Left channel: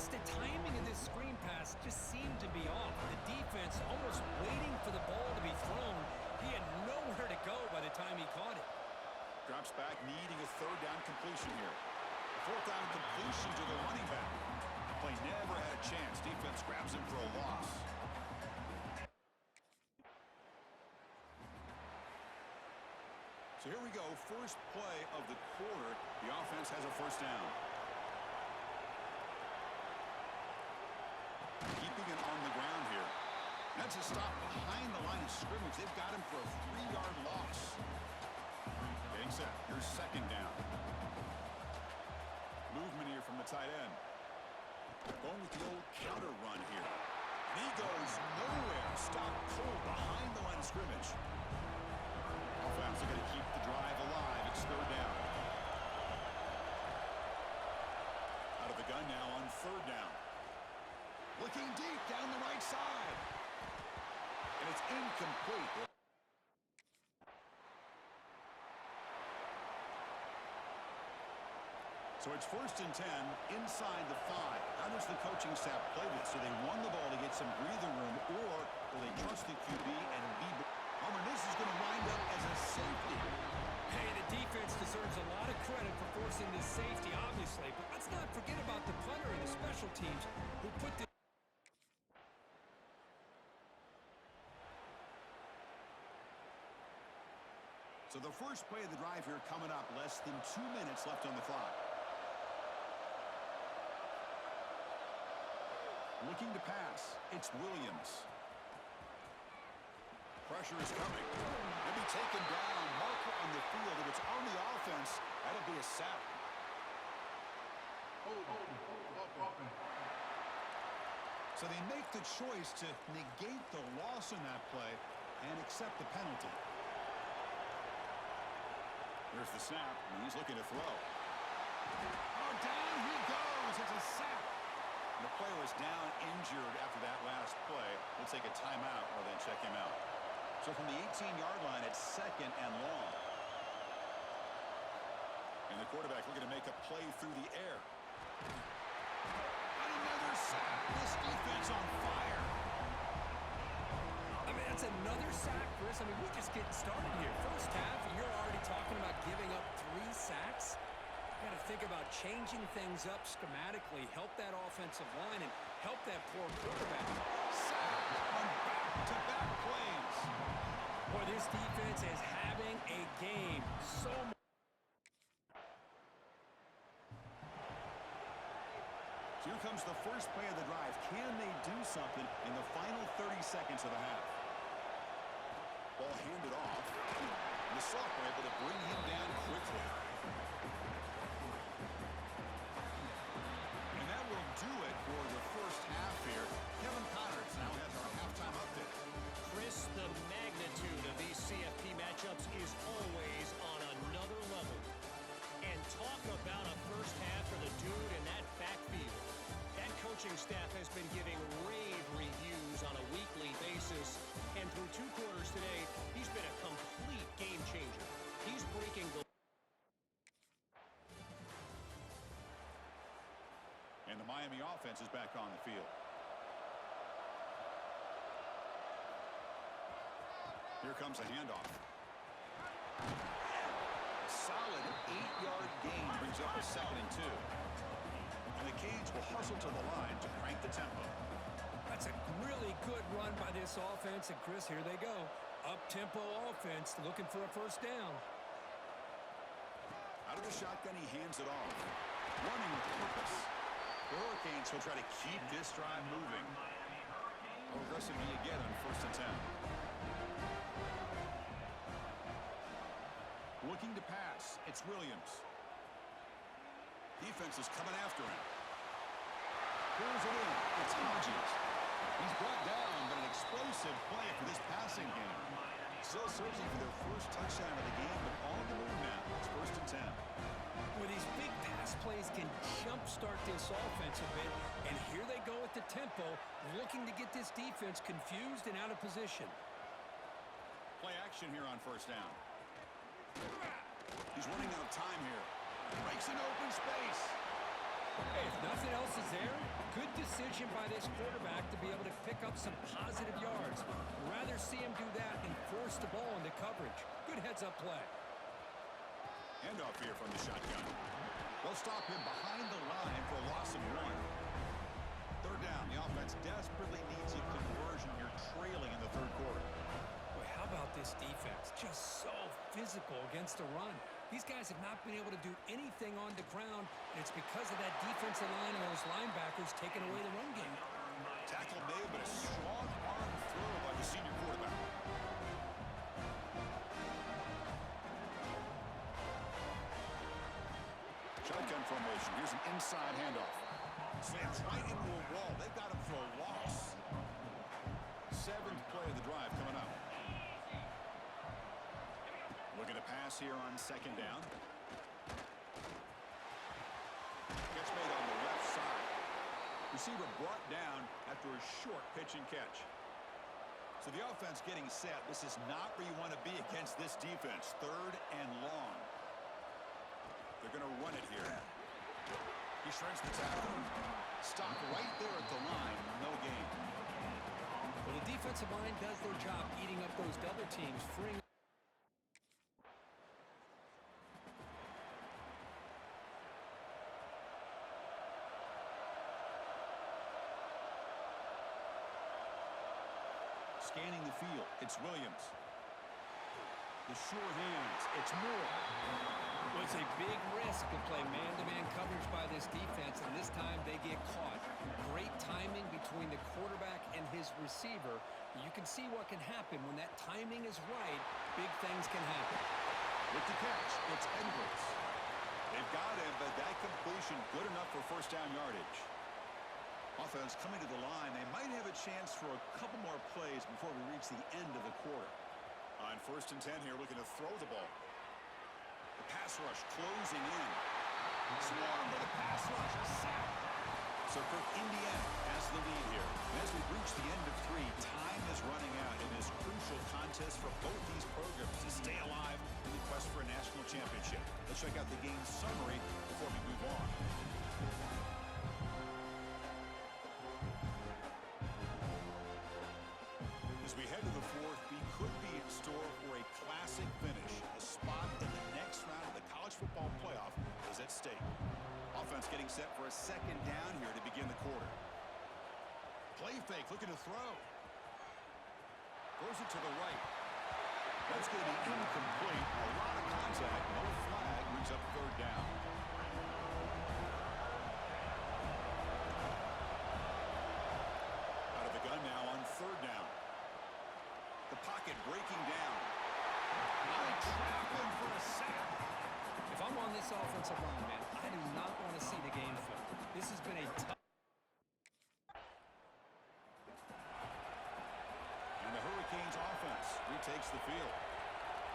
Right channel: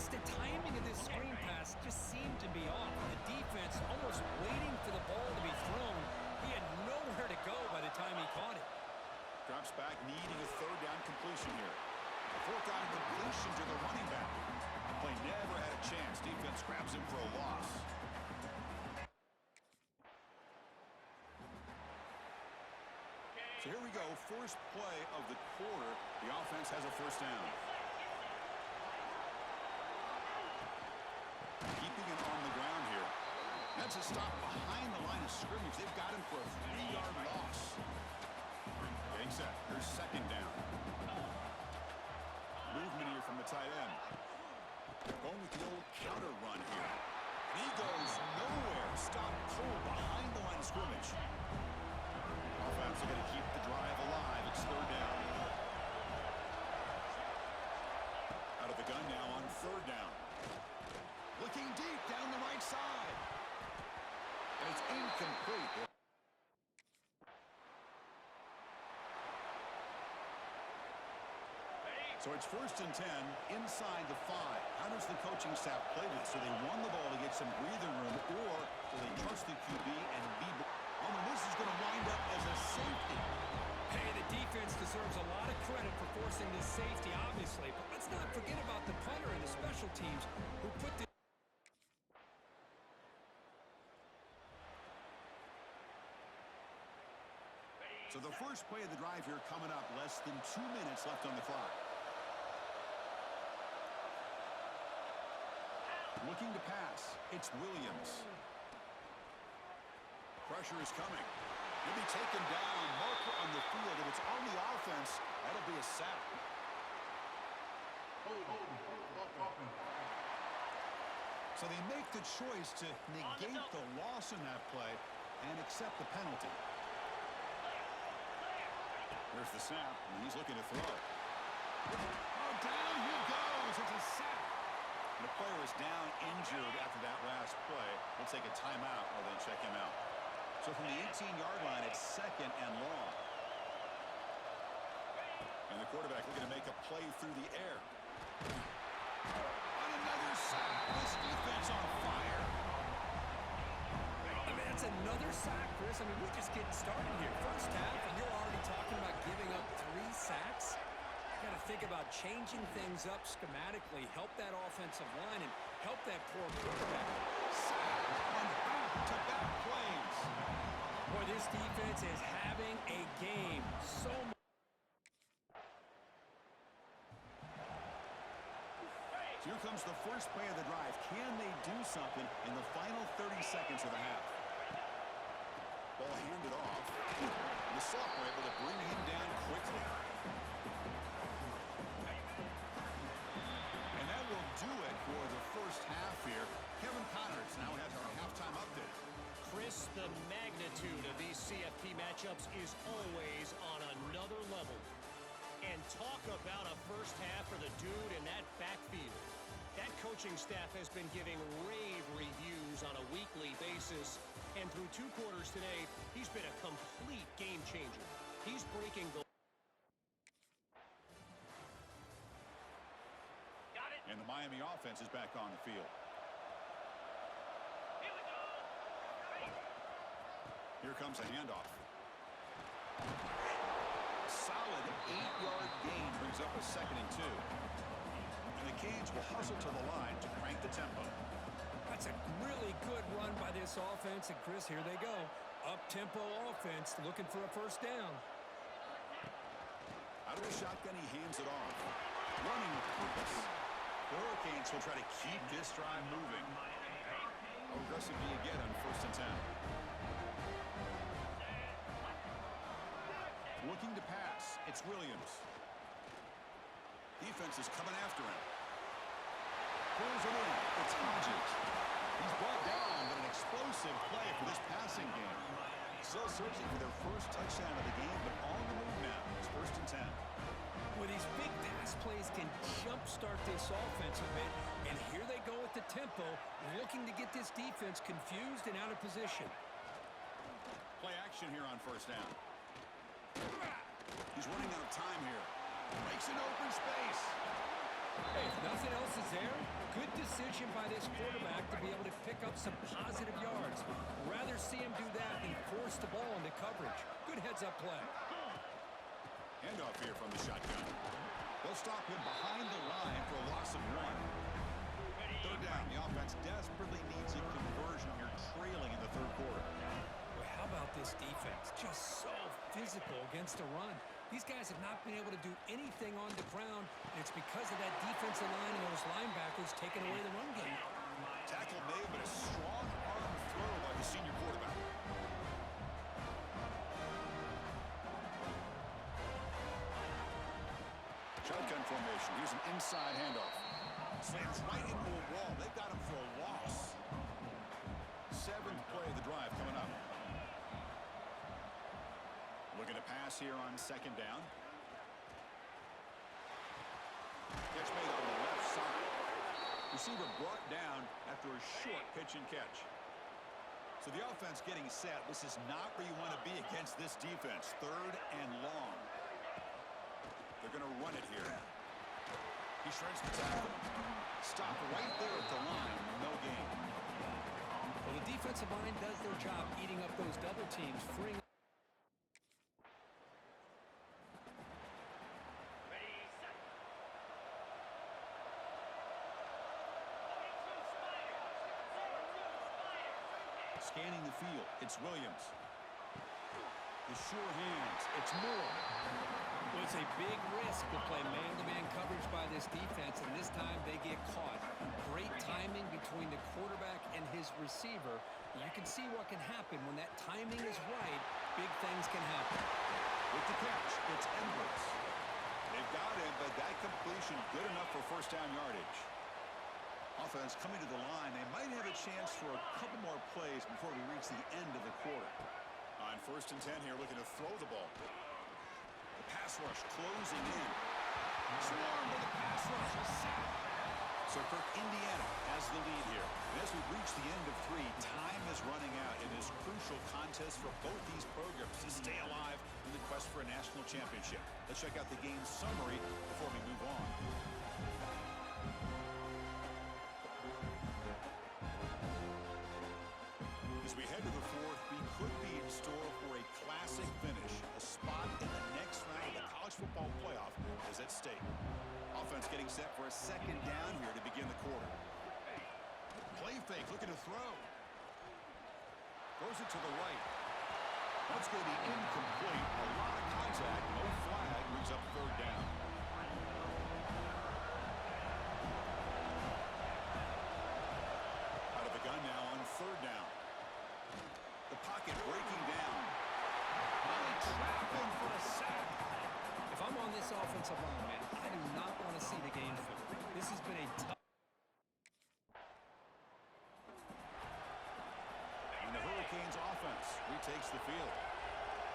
Plus, the timing of this screen pass just seemed to be off. The defense almost waiting for the ball to be thrown. He had nowhere to go by the time he caught it. Drops back, needing a third down completion here. A fourth down completion to the running back. The play never had a chance. Defense grabs him for a loss. So here we go, first play of the quarter. The offense has a first down. Keeping it on the ground here. That's a stop behind the line of scrimmage. They've got him for a 3-yard loss. Getting set. Here's second down. Movement here from the tight end. They're going with the old counter run here. And he goes nowhere. Stop cold behind the line of scrimmage. Offense looking to keep the drive alive. It's third down. Out of the gun now on third down. Looking deep down the right side. And it's incomplete. So it's first and 10 inside the 5. How does the coaching staff play this? So they won the ball to get some breathing room, or will they trust the QB and be... Oh, and this is going to wind up as a safety. Hey, the defense deserves a lot of credit for forcing this safety, obviously. But let's not forget about the punter and the special teams who put this... So the first play of the drive here coming up. Less than 2 minutes left on the clock. Looking to pass. It's Williams. Pressure is coming. He'll be taken down. Marker on the field. If it's on the offense, that'll be a sack. So they make the choice to negate the loss in that play and accept the penalty. There's the snap, and he's looking to throw. Oh, down he goes. It's a sack. And the player is down injured after that last play. We'll take a timeout or then check him out. So from the 18-yard line, it's second and long. And the quarterback looking to make a play through the air. And another sack. This defense on fire. I mean, that's another sack, Chris. I mean, we're just getting started here. First half, and you're already talking about giving up 3 sacks. You got to think about changing things up schematically, help that offensive line, and help that poor quarterback. Sack on back-to-back plays. Boy, this defense is having a game. So much. So here comes the first play of the drive. Can they do something in the final 30 seconds of the half? Ball handed off. The sophomore able to bring him down quickly. And that will do it for the first half here. Kevin Connors now has our halftime update. Chris, the magnitude of these CFP matchups is always on another level. And talk about a first half for the dude in that backfield. That coaching staff has been giving rave reviews on a weekly basis. And through 2 quarters today, he's been a complete game changer. He's breaking the... And the Miami offense is back on the field. Here comes a handoff. Solid 8-yard gain brings up a 2nd and 2. And the Canes will hustle to the line to crank the tempo. That's a really good run by this offense. And, Chris, here they go. Up-tempo offense looking for a first down. Out of the shotgun, he hands it off. Running with purpose. The Hurricanes will try to keep this drive moving. How aggressive do you get on 1st and 10? Looking to pass. It's Williams. Defense is coming after him. Pulls it in. It's Hodges. He's brought down, but an explosive play for this passing game. Still searching for their first touchdown of the game, but on the move now. It's 1st and 10. Well, these big pass plays can jumpstart this offense a bit, and here they go at the tempo, looking to get this defense confused and out of position. Play action here on 1st down. He's running out of time here. Breaks into open space. Hey, if nothing else is there, good decision by this quarterback to be able to pick up some positive yards. Rather see him do that than force the ball into coverage. Good heads-up play. Handoff here from the shotgun. They'll stop him behind the line for a loss of 1. Third down. The offense desperately needs a conversion here, trailing in the third quarter. Boy, how about this defense? Just so physical against the run. These guys have not been able to do anything on the ground, and it's because of that defensive line and those linebackers taking away the run game. Tackle made, but a strong arm throw by the senior quarterback. Shotgun formation. Here's an inside handoff. Slams right into a wall. They've got him for a loss. 7th play of the drive coming up. Looking to pass here on 2nd down. Catch made on the left side. Receiver brought down after a short pitch and catch. So the offense getting set. This is not where you want to be against this defense. 3rd and long. They're going to run it here. He shreds the tackle. Stop right there at the line. No gain. Well, the defensive line does their job eating up those double teams, freeing. Scanning the field. It's Williams. The sure hands. It's Moore. Well, it's a big risk to play man-to-man coverage by this defense, and this time they get caught. Great timing between the quarterback and his receiver. You can see what can happen when that timing is right. Big things can happen. With the catch, it's Edwards. They've got him, but that completion good enough for 1st down yardage. Offense coming to the line. They might have a chance for a couple more plays before we reach the end of the quarter. On 1st and 10 here, looking to throw the ball. The pass rush closing in. Swarm by the pass rush. A sack. So Kirk, Indiana has the lead here. And as we reach the end of 3, time is running out in this crucial contest for both these programs to stay alive in the quest for a national championship. Let's check out the game summary before we move on. As we head to the 4th, we could be in store for a classic finish. A spot in the next round of the college football playoff is at stake. Offense getting set for a 2nd down here to begin the quarter. Play fake, looking to throw. Throws it to the right. That's going to be incomplete. A lot of contact, no flag, brings up 3rd down. Out of the gun now on 3rd down. The pocket breaking down. Now they trap him for a sack. If I'm on this offensive line, man, I do not want to see the game film. This has been a tough. And the Hurricanes offense retakes the field.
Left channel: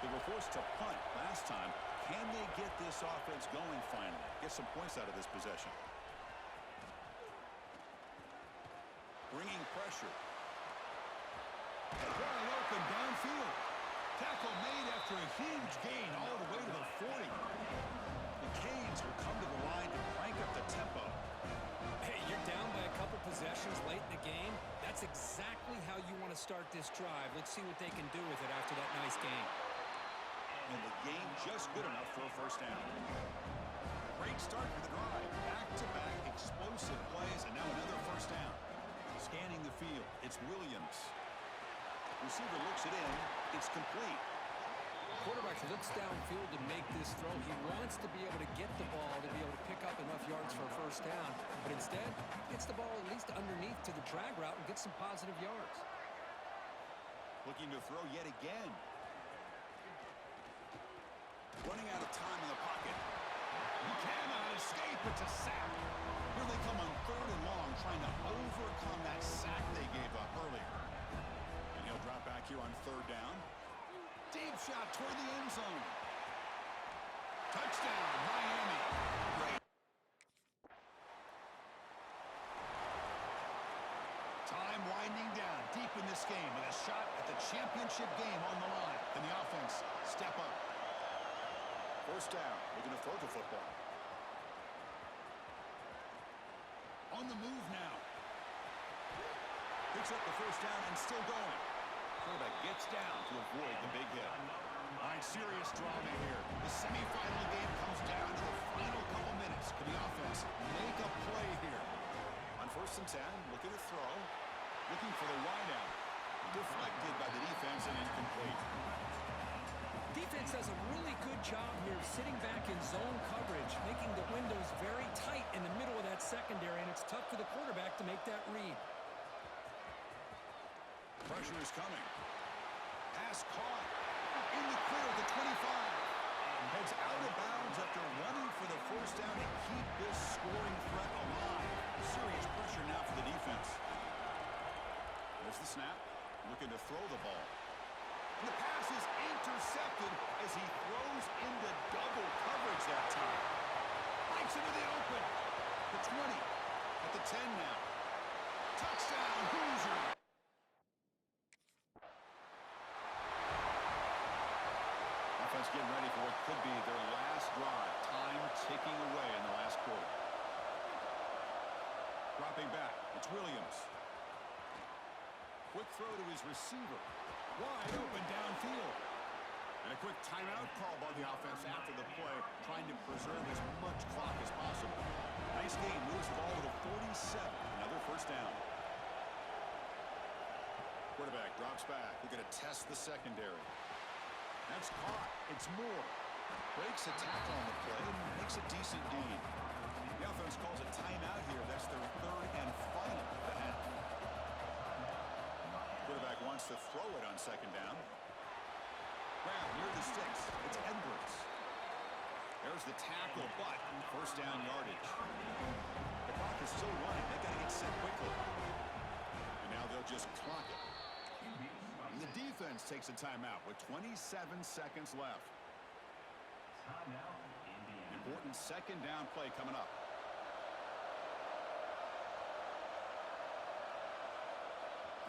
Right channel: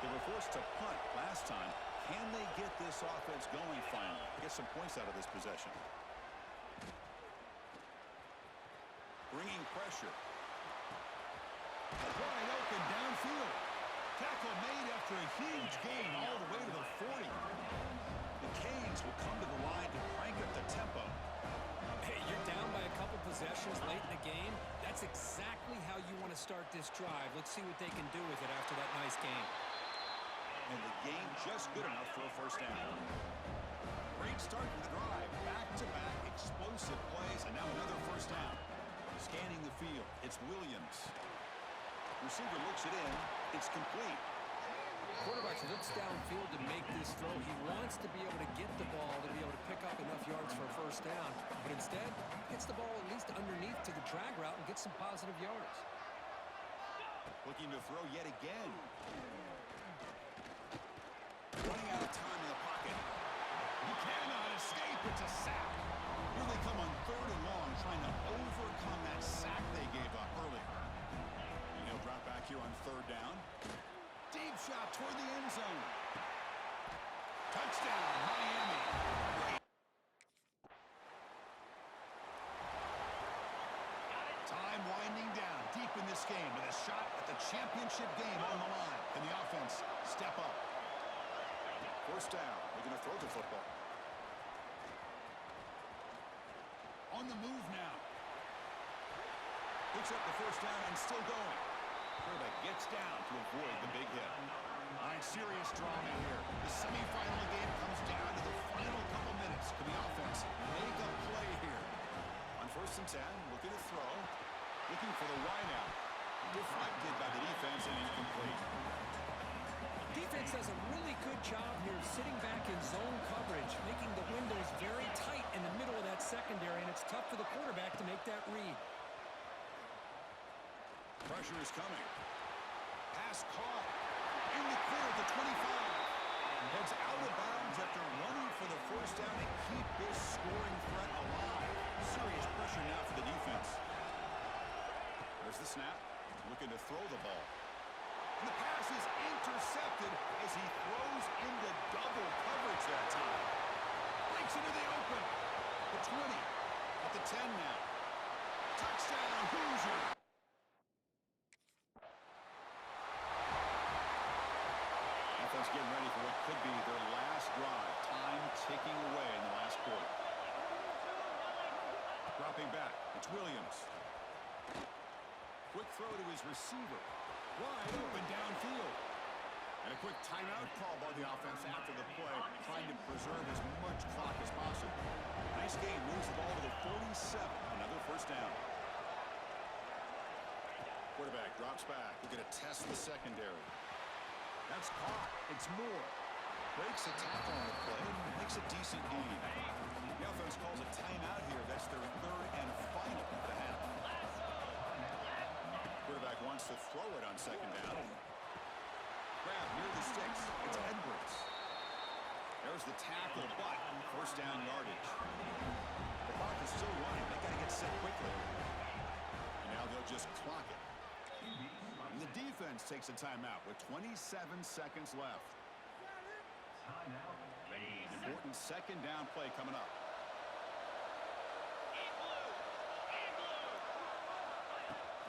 They were forced to punt last time. Can they get this offense going finally? Get some points out of this possession. Bringing pressure. Wide open downfield. Tackle made after a huge gain all the way to the 40. The Canes will come to the line to crank up the tempo. Hey, you're down by a couple possessions late in the game. That's exactly how you want to start this drive. Let's see what they can do with it after that nice game. And the game just good enough for a 1st down. Great start to the drive. Back-to-back explosive plays, and now another 1st down. Scanning the field. It's Williams. Receiver looks it in. It's complete. Quarterback looks downfield to make this throw. He wants to be able to get the ball to be able to pick up enough yards for a 1st down. But instead, gets the ball at least underneath to the drag route and gets some positive yards. Looking to throw yet again. Running out of time in the pocket. He cannot escape. It's a sack. Here they come on 3rd and long, trying to overcome that sack they gave up earlier. And he'll drop back here on 3rd down. Deep shot toward the end zone. Touchdown, Miami. Great. Time winding down deep in this game with a shot at the championship game on the line. Can the offense step up? 1st down. We're going to throw the football. On the move now. Picks up the first down and still going. Quarterback gets down to avoid the big hit. All right, serious drama here. The semifinal game comes down to the final couple minutes. Can the offense make a play here? On 1st and 10, looking to throw. Looking for the wideout. Deflected by the defense and incomplete. Defense does a really good job here sitting back in zone coverage, making the windows very tight in the middle of that secondary, and it's tough for the quarterback to make that read. Pressure is coming. Pass caught. In the clear at the 25. Heads out of bounds after running for the first down to keep this scoring threat alive. Serious pressure now for the defense. There's the snap. Looking to throw the ball. And the pass is intercepted as he throws into double coverage that time. Breaks into the open. The 20. At the 10 now. Touchdown, Hoosier. Offense getting ready for what could be their last drive. Time ticking away in the last quarter. Dropping back. It's Williams. Quick throw to his receiver. Wide open downfield. And a quick timeout call by the offense after the play, trying to preserve as much clock as possible. Nice game. Moves the ball to the 47. Another first down. Quarterback drops back. Looking to test the secondary. That's caught. It's Moore. Breaks a tackle on the play and makes a decent gain. The offense calls a timeout here. That's their 3rd and final of the half. Quarterback wants to throw it on 2nd down. Grab near the sticks. It's Edwards. There's the tackle, but first down yardage. The clock is still running. They got to get set quickly. And now they'll just clock it. And the defense takes a timeout with 27 seconds left. Important 2nd down play coming up.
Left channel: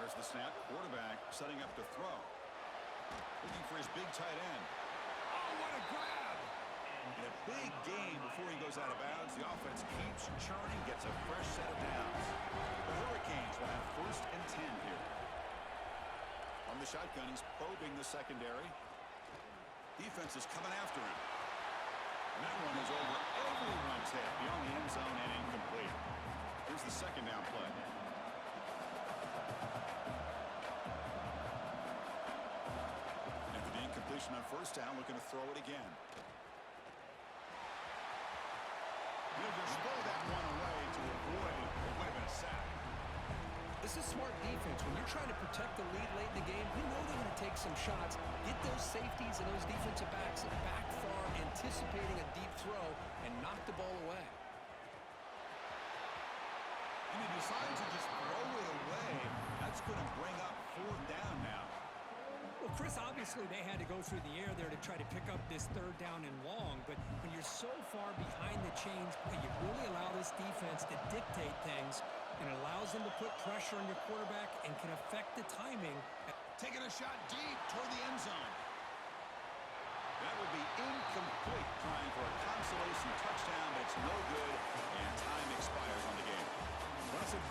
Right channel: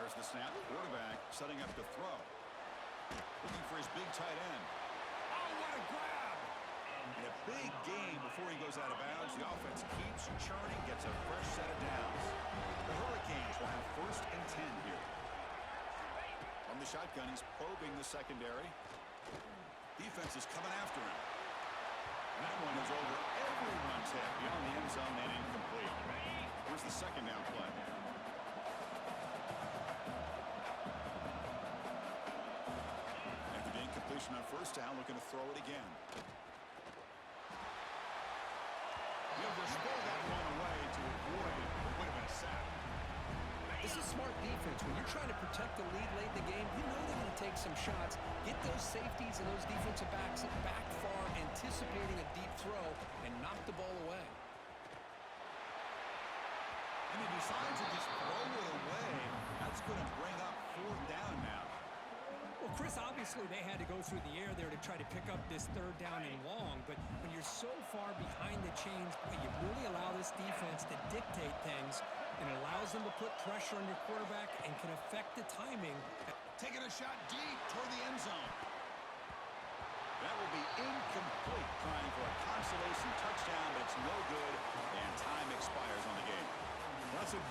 There's the snap. Quarterback setting up to throw. Looking for his big tight end. Oh, what a grab! In a big game before he goes out of bounds, the offense keeps churning, gets a fresh set of downs. The Hurricanes will have 1st and 10 here. From the shotgun, he's probing the secondary. Defense is coming after him. And that one is over everyone's head beyond the end zone and incomplete. Here's the 2nd down play. After the incompletion on 1st down, looking to throw it again. He'll just throw that one away to avoid what would have been a sack. This is smart defense. When you're trying to protect the lead late in the game, you know they're going to take some shots, get those safeties and those defensive backs back far, anticipating a deep throw, and knock the ball away. And he decides to just throw it away. That's going to bring up 4th down now. Well, Chris, obviously they had to go through the air there to try to pick up this 3rd down and long, but when you're so far behind the chains, boy, you really allow this defense to dictate things, and it allows them to put pressure on your quarterback and can affect the timing. Taking a shot deep toward the end zone. That will be incomplete, trying for a consolation touchdown, but it's no good, and time expires on the game. Well, that's a